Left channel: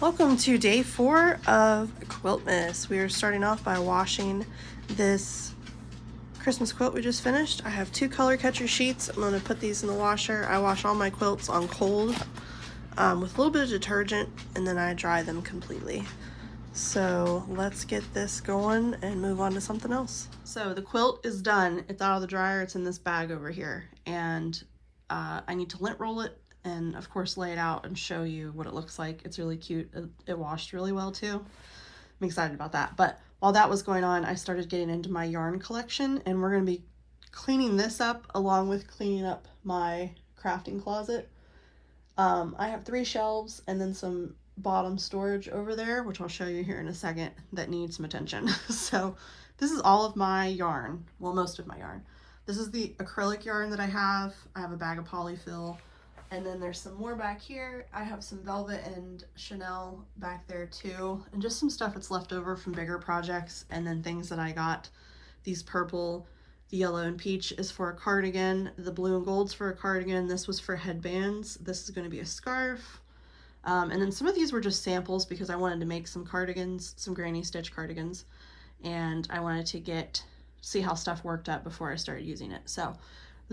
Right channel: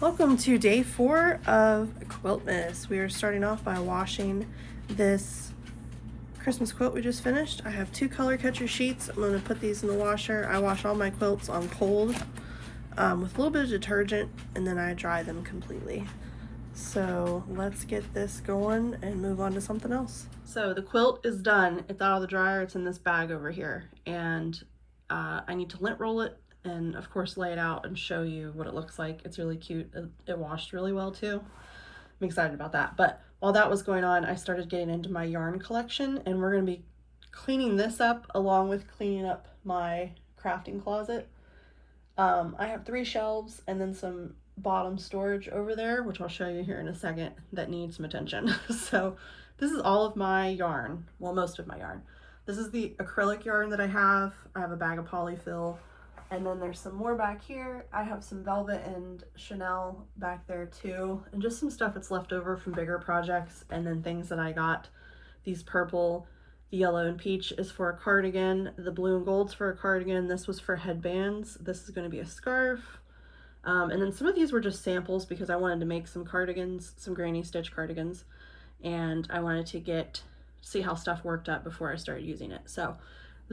Welcome to day 4 of Quiltmas. We are starting off by washing this Christmas quilt we just finished. I have 2 color catcher sheets. I'm going to put these in the washer. I wash all my quilts on cold with a little bit of detergent, and then I dry them completely. So let's get this going and move on to something else. So the quilt is done. It's out of the dryer. It's in this bag over here, and I need to lint roll it and of course lay it out and show you what it looks like. It's really cute. It washed really well too. I'm excited about that. But while that was going on, I started getting into my yarn collection, and we're going to be cleaning this up along with cleaning up my crafting closet. I have 3 shelves and then some bottom storage over there, which I'll show you here in a second, that needs some attention. So this is all of my yarn, well, most of my yarn. This is the acrylic yarn that I have. I have a bag of polyfill, and then there's some more back here. I have some velvet and Chanel back there too, and just some stuff that's left over from bigger projects, and then things that I got. These purple, the yellow and peach is for a cardigan. The blue and gold's for a cardigan. This was for headbands. This is going to be a scarf. And then some of these were just samples because I wanted to make some cardigans, some granny stitch cardigans, and I wanted to see how stuff worked up before I started using it. So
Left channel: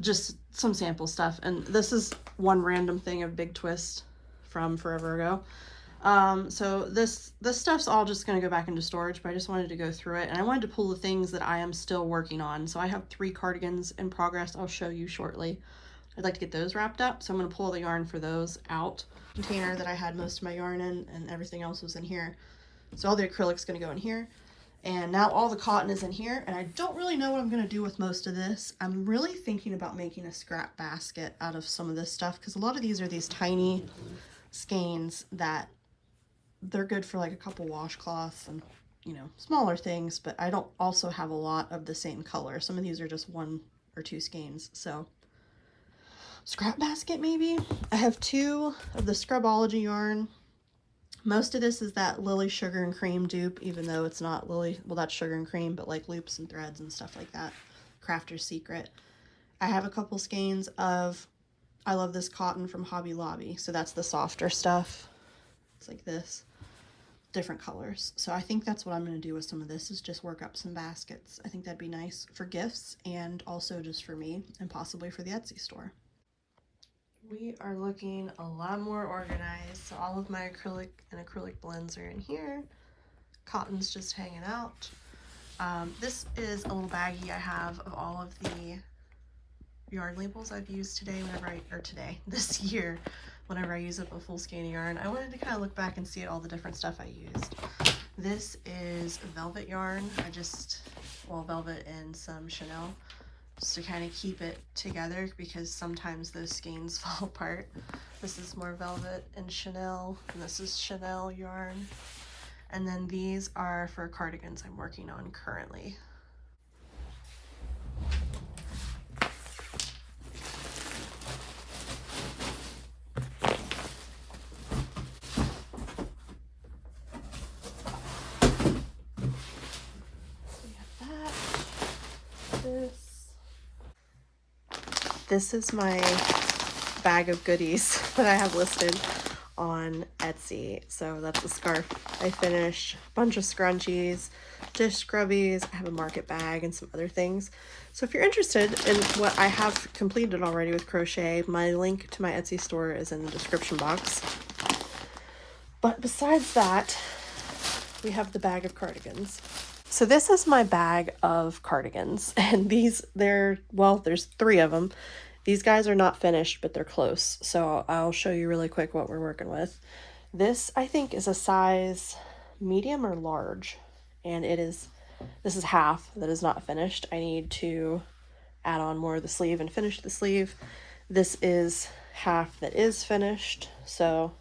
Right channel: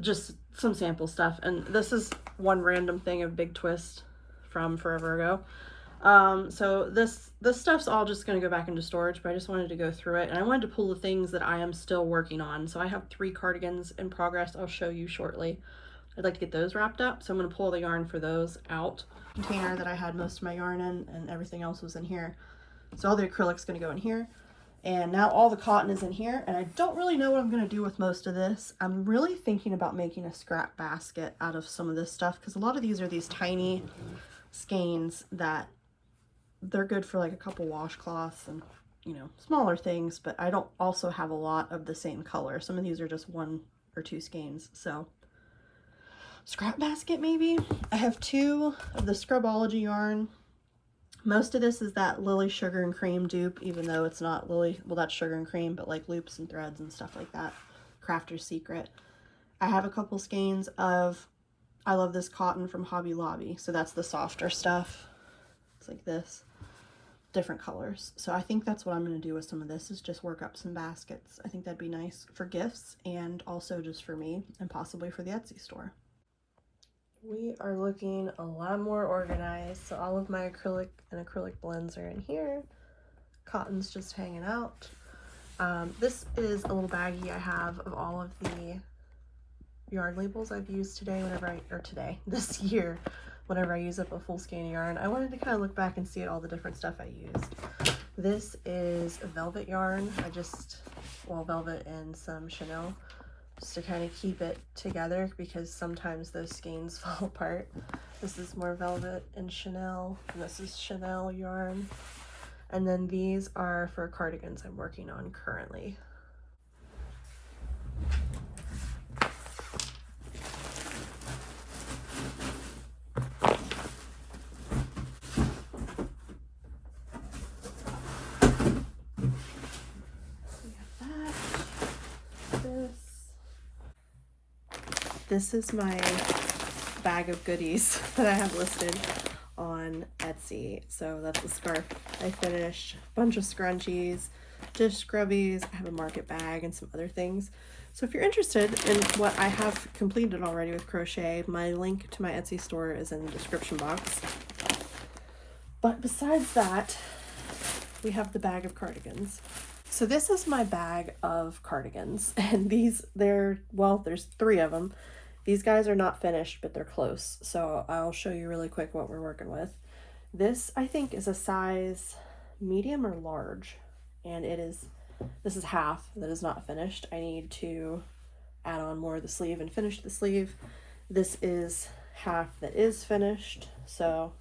just some sample stuff. And this is one random thing of Big Twist from forever ago. So this stuff's all just going to go back into storage, but I just wanted to go through it, and I wanted to pull the things that I am still working on. So I have 3 cardigans in progress. I'll show you shortly. I'd like to get those wrapped up, so I'm going to pull the yarn for those out. Container that I had most of my yarn in, and everything else was in here. So all the acrylic's going to go in here, and now all the cotton is in here, and I don't really know what I'm going to do with most of this. I'm really thinking about making a scrap basket out of some of this stuff, because a lot of these are these tiny skeins that they're good for like a couple washcloths and, you know, smaller things, but I don't also have a lot of the same color. Some of these are just 1 or 2 skeins, so scrap basket maybe. I have 2 of the Scrubology yarn. Most of this is that Lily Sugar and Cream dupe, even though it's not Lily, well, that's Sugar and Cream, but like loops and threads and stuff like that. Crafter's Secret. I have a couple skeins of I Love This Cotton from Hobby Lobby, so that's the softer stuff. It's like this, different colors. So I think that's what I'm going to do with some of this, is just work up some baskets. I think that'd be nice for gifts, and also just for me, and possibly for the Etsy store. We are looking a lot more organized. So all of my acrylic and acrylic blends are in here. Cotton's just hanging out. This is a little baggie I have of all of the yarn labels I've used this year, whenever I use up a full skein of yarn. I wanted to kind of look back and see at all the different stuff I used. This is a velvet yarn. Velvet and some Chanel, just to kind of keep it together, because sometimes those skeins fall apart. This is more velvet and Chanel, and this is Chanel yarn. And then these are for cardigans I'm working on currently. This is my bag of goodies that I have listed on Etsy. So that's a scarf I finished, a bunch of scrunchies, dish scrubbies, I have a market bag, and some other things. So if you're interested in what I have completed already with crochet, my link to my Etsy store is in the description box. But besides that, we have the bag of cardigans. So this is my bag of cardigans, and there's 3 of them. These guys are not finished, but they're close. So I'll show you really quick what we're working with. This, I think, is a size medium or large, and this is half that is not finished. I need to add on more of the sleeve and finish the sleeve. This is half that is finished, so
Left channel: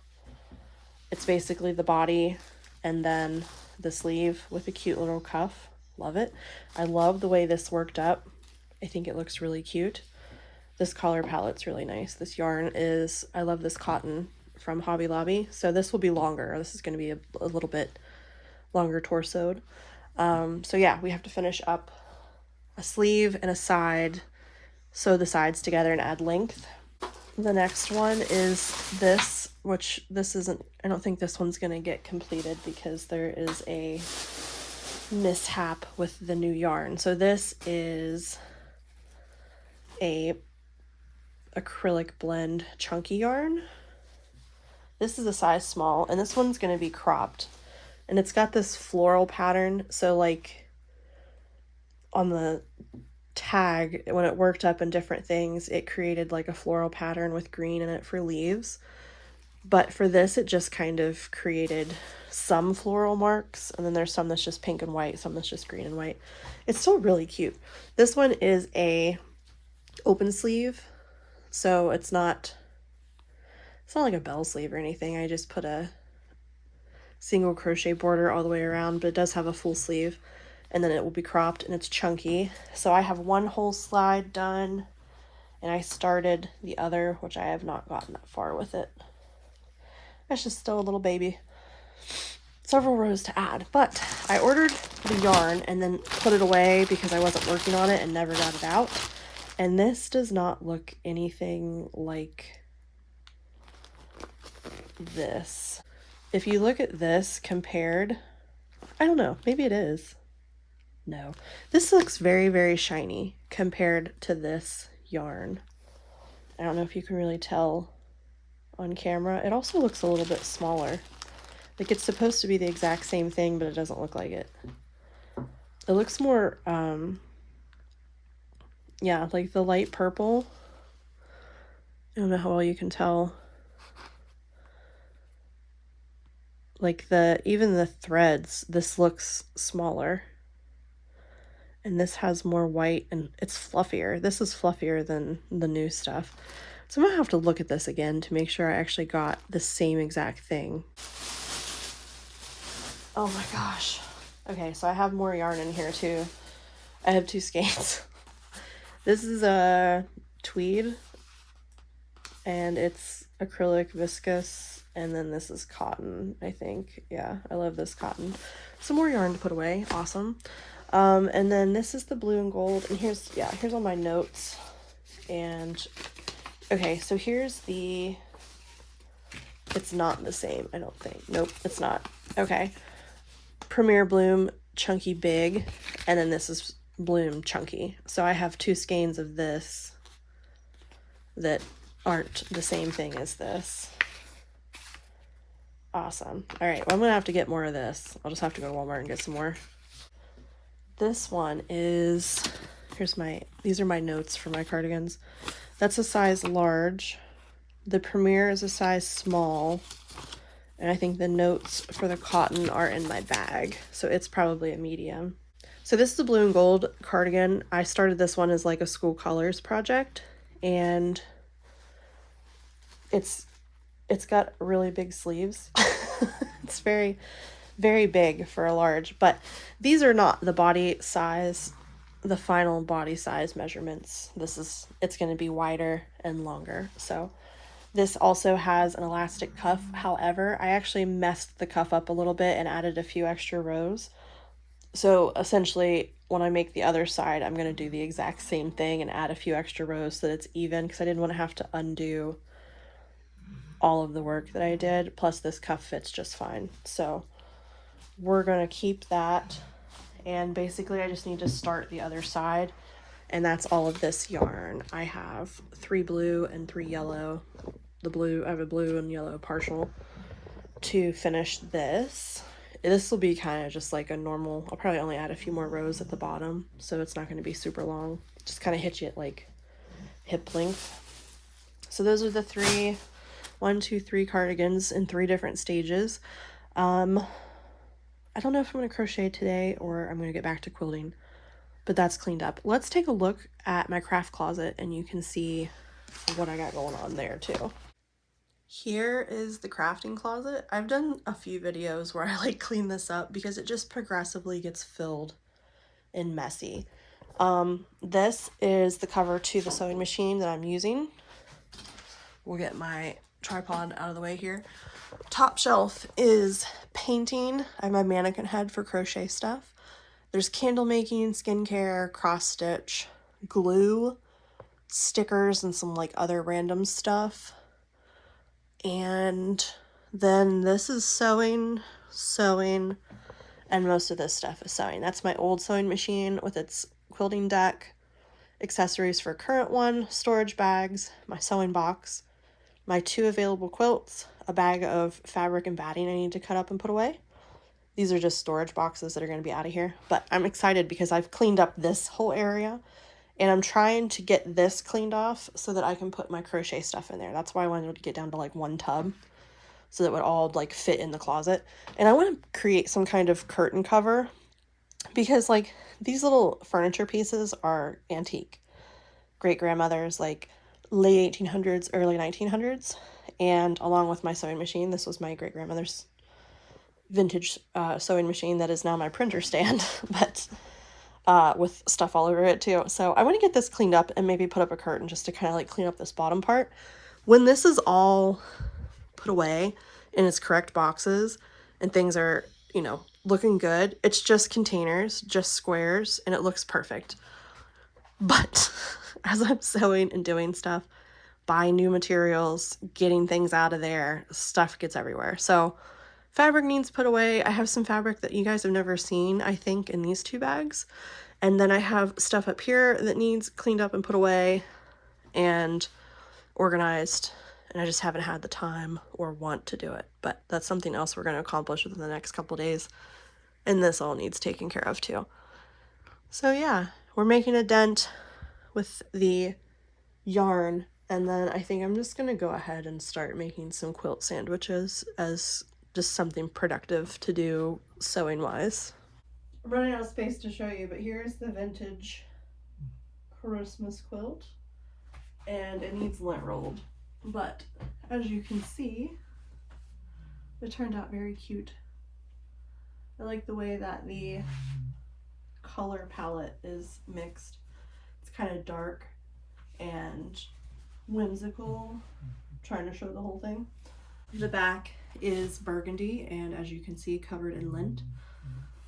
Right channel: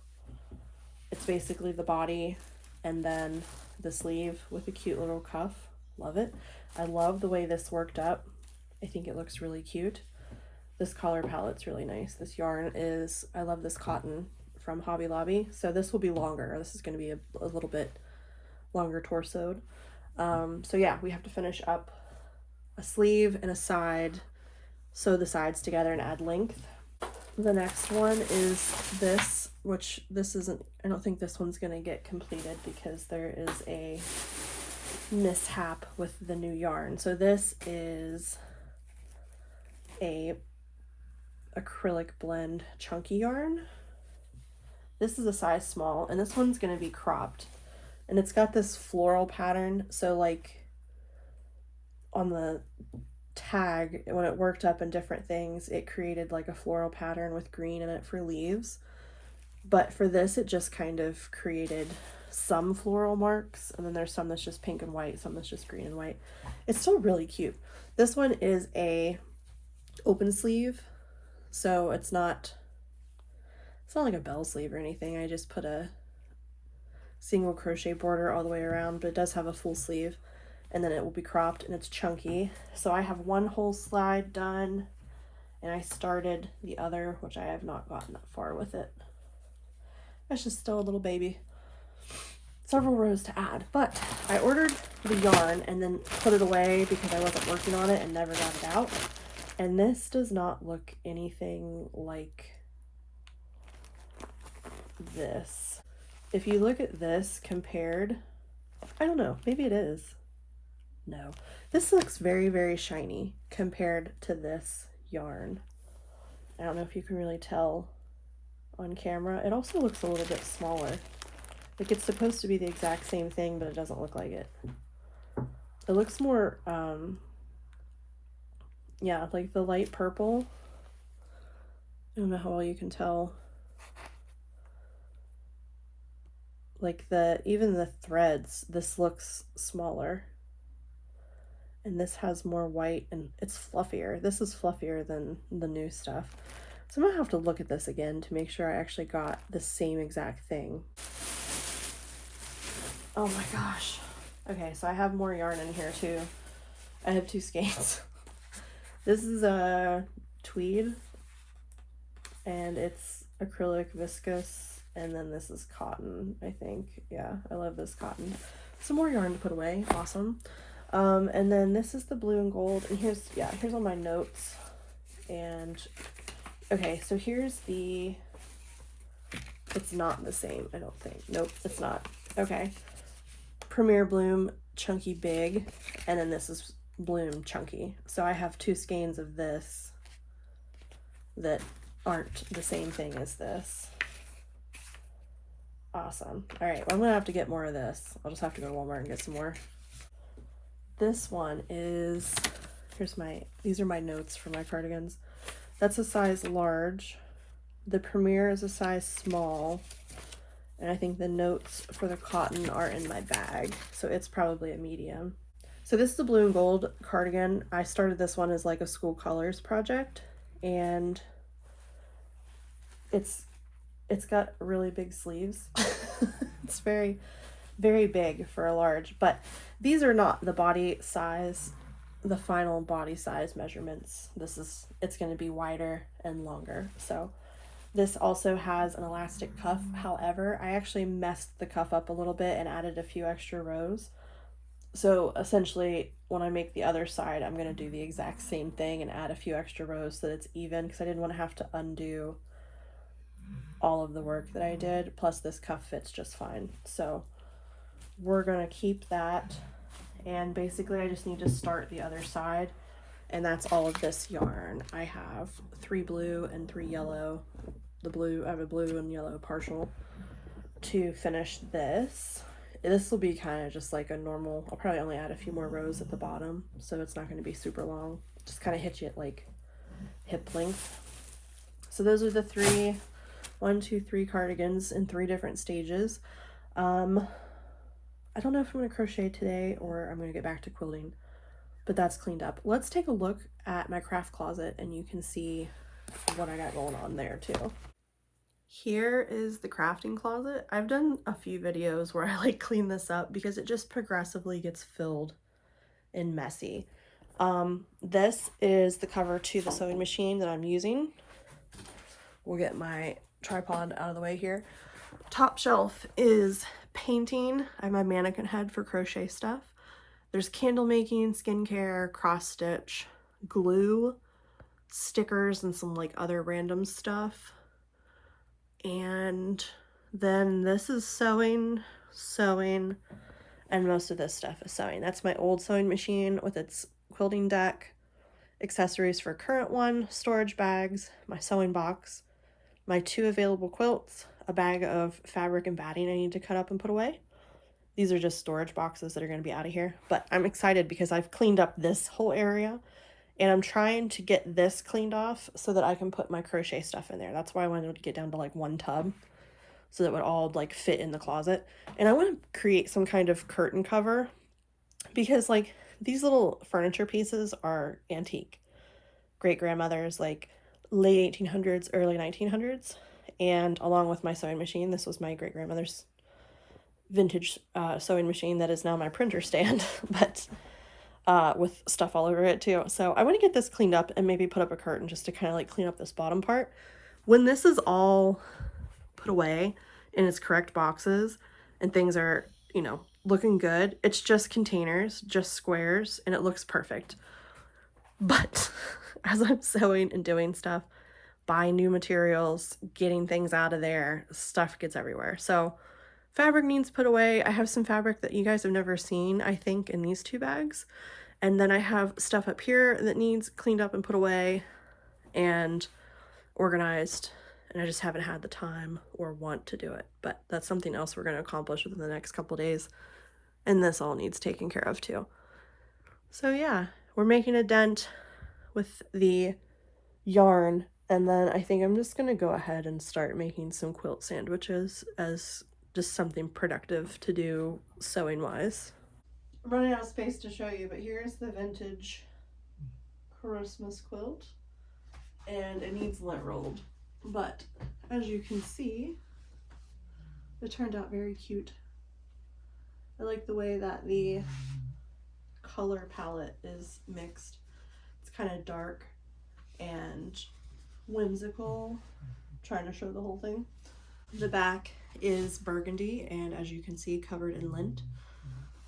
it's basically the body and then the sleeve with a cute little cuff. Love it. I love the way this worked up. I think it looks really cute. This color palette's really nice. This yarn is I Love This Cotton from Hobby Lobby. So this will be longer. This is going to be a little bit longer torsoed. So yeah, we have to finish up a sleeve and a side, sew the sides together and add length. The next one is this, which this isn't, I don't think this one's gonna get completed because there is a mishap with the new yarn. So this is a acrylic blend chunky yarn. This is a size small, and this one's gonna be cropped. And it's got this floral pattern, so like on the tag, when it worked up in different things, it created like a floral pattern with green in it for leaves. But for this, it just kind of created some floral marks, and then there's some that's just pink and white, some that's just green and white. It's still really cute. This one is a open sleeve, so it's not like a bell sleeve or anything. I just put a single crochet border all the way around, but it does have a full sleeve, and then it will be cropped, and it's chunky. So I have one whole slide done, and I started the other, which I have not gotten that far with it. It's just still a little baby. Several rows to add, but I ordered the yarn and then put it away because I wasn't working on it and never got it out. And this does not look anything like this. If you look at this compared, I don't know, maybe it is. No, this looks very, very shiny compared to this yarn. I don't know if you can really tell on camera. It also looks a little bit smaller. Like it's supposed to be the exact same thing, but it doesn't look like it. It looks more, yeah, like the light purple. I don't know how well you can tell. Like even the threads, this looks smaller. And this has more white and it's fluffier. This is fluffier than the new stuff. So I'm gonna have to look at this again to make sure I actually got the same exact thing. Oh my gosh. Okay, so I have more yarn in here too. I have 2 skeins. This is a tweed, and it's acrylic viscose, and then this is cotton, I think. Yeah, I love this cotton. Some more yarn to put away, awesome. And then this is the blue and gold, and here's all my notes. And okay, so here's the, it's not the same, I don't think. Nope, it's not. Okay. Premier Bloom Chunky Big, and then this is Bloom Chunky. So I have 2 skeins of this that aren't the same thing as this. Awesome. All right, well, I'm gonna have to get more of this. I'll just have to go to Walmart and get some more. This one is, these are my notes for my cardigans. That's a size large. The Premier is a size small. And I think the notes for the cotton are in my bag, so it's probably a medium. So this is the blue and gold cardigan. I started this one as like a school colors project, and it's got really big sleeves. It's very, very big for a large, but these are not the body size, the final body size measurements. It's going to be wider and longer. So this also has an elastic cuff. However, I actually messed the cuff up a little bit and added a few extra rows. So essentially, when I make the other side, I'm going to do the exact same thing and add a few extra rows so that it's even, because I didn't want to have to undo all of the work that I did. Plus this cuff fits just fine. So we're going to keep that. And basically I just need to start the other side. And that's all of this yarn. I have 3 blue and 3 yellow. I have a blue and yellow partial to finish this. This will be kind of just like a normal, I'll probably only add a few more rows at the bottom, so it's not going to be super long. Just kind of hit you at like hip length. So those are the 3 cardigans in 3 different stages. I don't know if I'm going to crochet today or I'm going to get back to quilting, but that's cleaned up. Let's take a look at my craft closet and you can see what I got going on there too. Here is the crafting closet. I've done a few videos where I like clean this up because it just progressively gets filled and messy. This is the cover to the sewing machine that I'm using. We'll get my tripod out of the way here. Top shelf is painting. I have my mannequin head for crochet stuff. There's candle making, skincare, cross stitch, glue, stickers and some like other random stuff. And then this is sewing, and most of this stuff is sewing. That's my old sewing machine with its quilting deck, accessories for current one, storage bags, my sewing box, my 2 available quilts, a bag of fabric and batting I need to cut up and put away. These are just storage boxes that are going to be out of here. But I'm excited because I've cleaned up this whole area. And I'm trying to get this cleaned off so that I can put my crochet stuff in there. That's why I wanted to get down to like 1 tub, so that it would all like fit in the closet. And I want to create some kind of curtain cover, because like these little furniture pieces are antique. Great grandmother's, like late 1800s, early 1900s. And along with my sewing machine, this was my great grandmother's vintage sewing machine that is now my printer stand, but with stuff all over it too. So I want to get this cleaned up and maybe put up a curtain just to kind of like clean up this bottom part. When this is all put away in its correct boxes and things are, you know, looking good, it's just containers, just squares, and it looks perfect. But as I'm sewing and doing stuff, buying new materials, getting things out of there, stuff gets everywhere. So fabric needs put away. I have some fabric that you guys have never seen, I think, in these 2 bags. And then I have stuff up here that needs cleaned up and put away and organized. And I just haven't had the time or want to do it. But that's something else we're going to accomplish within the next couple days. And this all needs taken care of too. So yeah, we're making a dent with the yarn. And then I think I'm just going to go ahead and start making some quilt sandwiches as just something productive to do sewing wise. I'm running out of space to show you, but here's the vintage Christmas quilt, and it needs lint rolled, but as you can see, it turned out very cute. I like the way that the color palette is mixed. It's kind of dark and whimsical, trying to show the whole thing. The back is burgundy and, as you can see, covered in lint,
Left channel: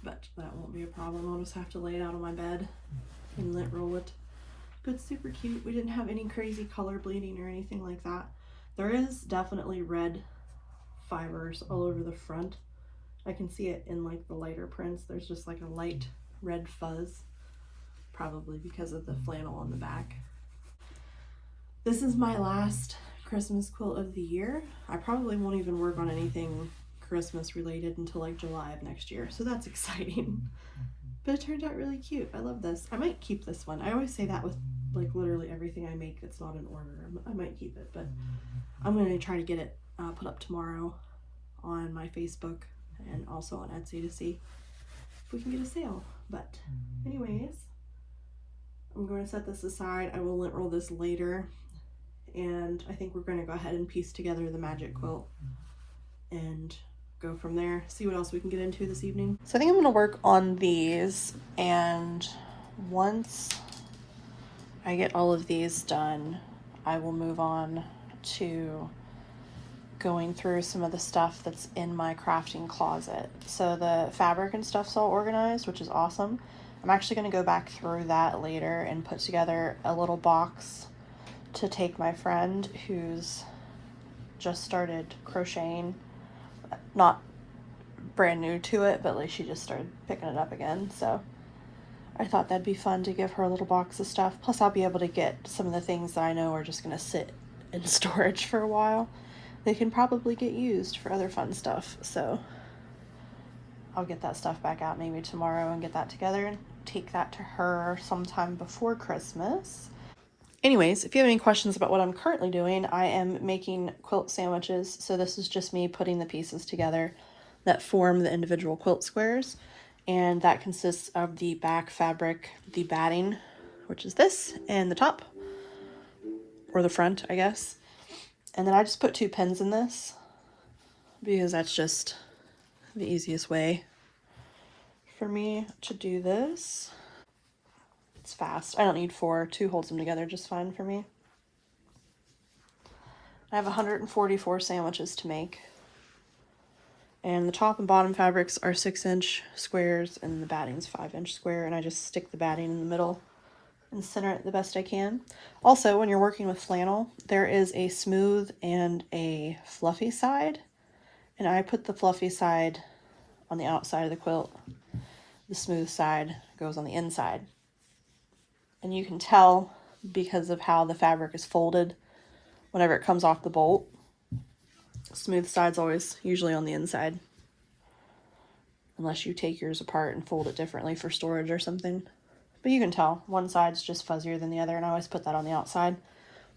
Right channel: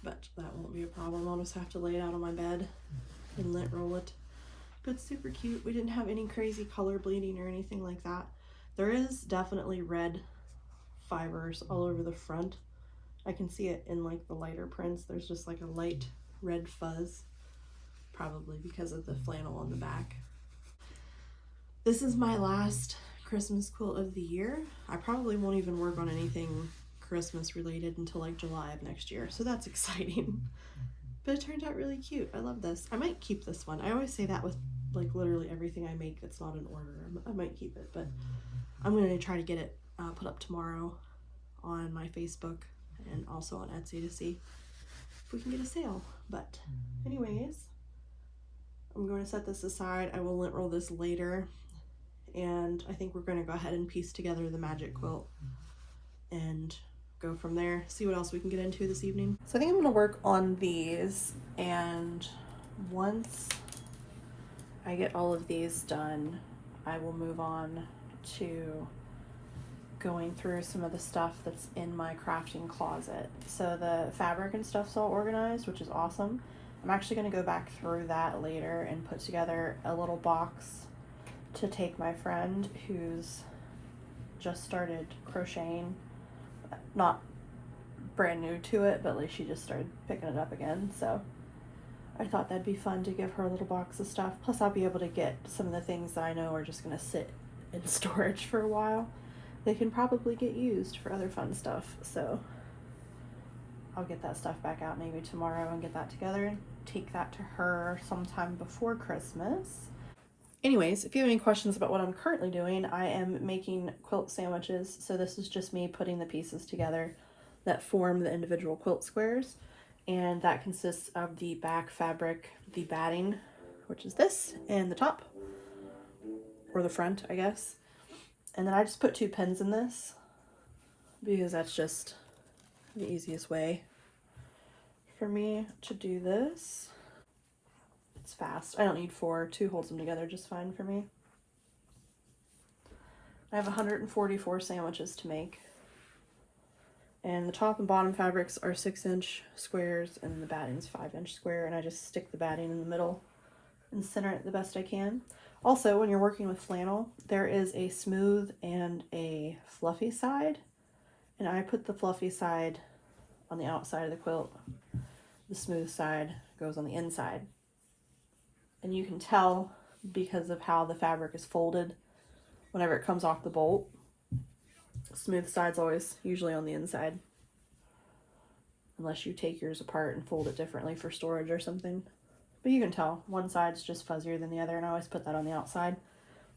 but that won't be a problem. I'll just have to lay it out on my bed and lint roll it. But it's super cute. We didn't have any crazy color bleeding or anything like that. There is definitely red fibers all over the front. I can see it in like the lighter prints. There's just like a light red fuzz, probably because of the flannel on the back. This is my last Christmas quilt of the year. I probably won't even work on anything Christmas related until like July of next year, so that's exciting. But it turned out really cute. I love this. I might keep this one. I always say that with like literally everything I make that's not in order. I might keep it, but I'm going to try to get it put up tomorrow on my Facebook and also on Etsy to see if we can get a sale. But anyways, I'm going to set this aside. I will lint roll this later, and I think we're going to go ahead and piece together the magic quilt and go from there, see what else we can get into this evening. So I think I'm going to work on these, and once I get all of these done, I will move on to going through some of the stuff that's in my crafting closet. So the fabric and stuff's all organized, which is awesome. I'm actually going to go back through that later and put together a little box to take my friend who's just started crocheting, not brand new to it, but like she just started picking it up again. So I thought that'd be fun to give her a little box of stuff. Plus I'll be able to get some of the things that I know are just going to sit in storage for a while. They can probably get used for other fun stuff. So I'll get that stuff back out maybe tomorrow and get that together and take that to her sometime before Christmas. Anyways, if you have any questions about what I'm currently doing, I am making quilt sandwiches. So this is just me putting the pieces together that form the individual quilt squares. And that consists of the back fabric, the batting, which is this, and the top, or the front, I guess. And then I just put 2 pins in this because that's just the easiest way for me to do this. It's fast. I don't need 4. 2 holds them together just fine for me. I have 144 sandwiches to make. And the top and bottom fabrics are 6-inch squares and the batting's 5-inch square, and I just stick the batting in the middle and center it the best I can. Also, when you're working with flannel, there is a smooth and a fluffy side, and I put the fluffy side on the outside of the quilt. The smooth side goes on the inside. And you can tell because of how the fabric is folded whenever it comes off the bolt. The smooth side's always usually on the inside, unless you take yours apart and fold it differently for storage or something. But you can tell one side's just fuzzier than the other, and I always put that on the outside.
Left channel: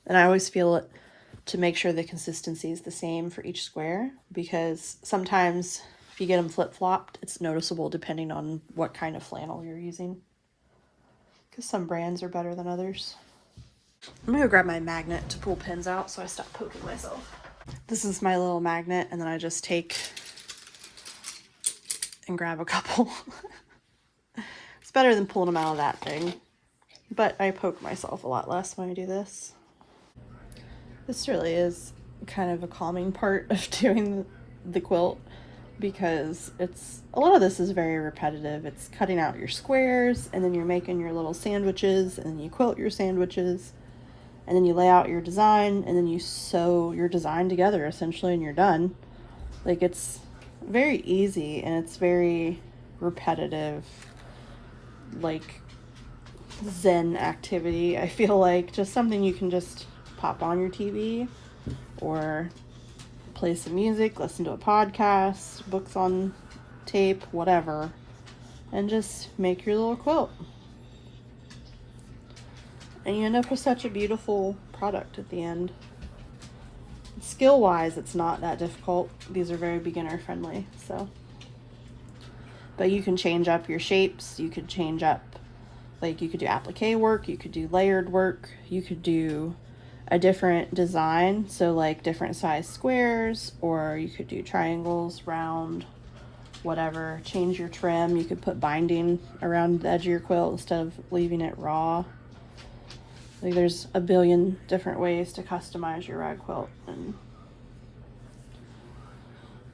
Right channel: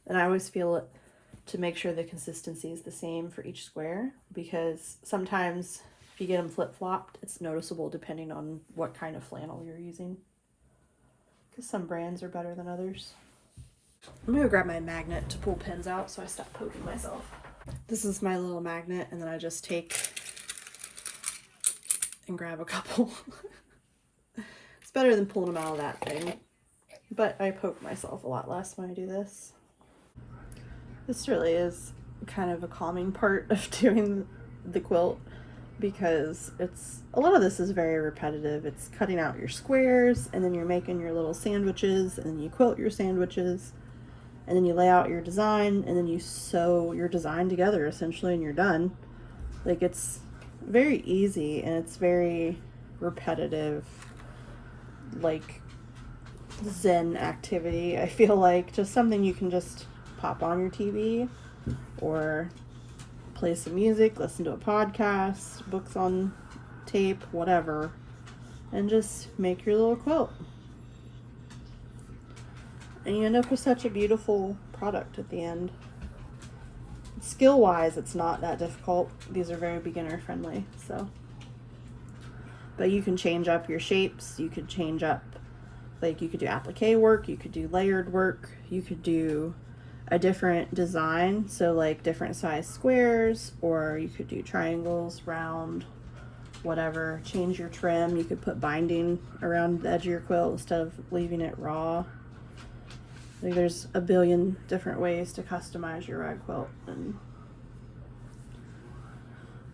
And I always feel it to make sure the consistency is the same for each square, because sometimes if you get them flip-flopped, it's noticeable depending on what kind of flannel you're using, because some brands are better than others. I'm gonna grab my magnet to pull pins out so I stop poking myself. This is my little magnet, and then I just take and grab a couple. It's better than pulling them out of that thing, but I poke myself a lot less when I do this. This really is kind of a calming part of doing the quilt, because a lot of this is very repetitive. It's cutting out your squares, and then you're making your little sandwiches, and then you quilt your sandwiches, and then you lay out your design, and then you sew your design together essentially, and you're done. Like, it's very easy, and it's very repetitive, like zen activity. I feel like just something you can just pop on your TV or play some music, listen to a podcast, books on tape, whatever, and just make your little quilt. And you end up with such a beautiful product at the end. Skill-wise, it's not that difficult. These are very beginner friendly, so. But you can change up your shapes. You could change up, like, you could do applique work, you could do layered work, you could do a different design, so like different size squares, or you could do triangles, round, whatever. Change your trim. You could put binding around the edge of your quilt instead of leaving it raw. Like, there's a billion different ways to customize your rag quilt, and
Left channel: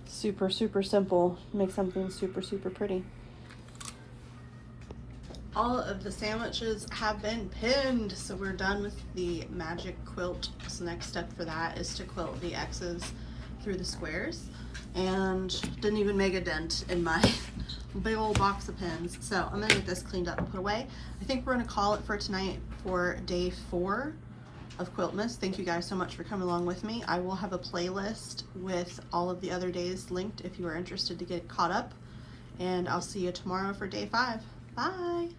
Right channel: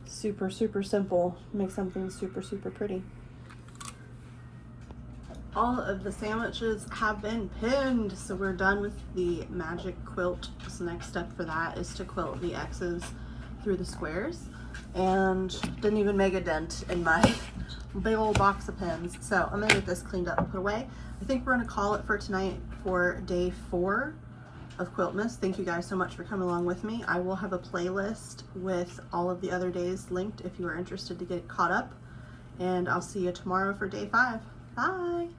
super, super simple. Make something super, super pretty. All of the sandwiches have been pinned, so we're done with the magic quilt. So the next step for that is to quilt the X's through the squares, and didn't even make a dent in my big old box of pins. So I'm gonna get this cleaned up and put away. I think we're gonna call it for tonight for day 4 of Quiltmas. Thank you guys so much for coming along with me. I will have a playlist with all of the other days linked if you are interested to get caught up, and I'll see you tomorrow for day 5. Bye.